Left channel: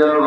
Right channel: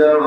যাব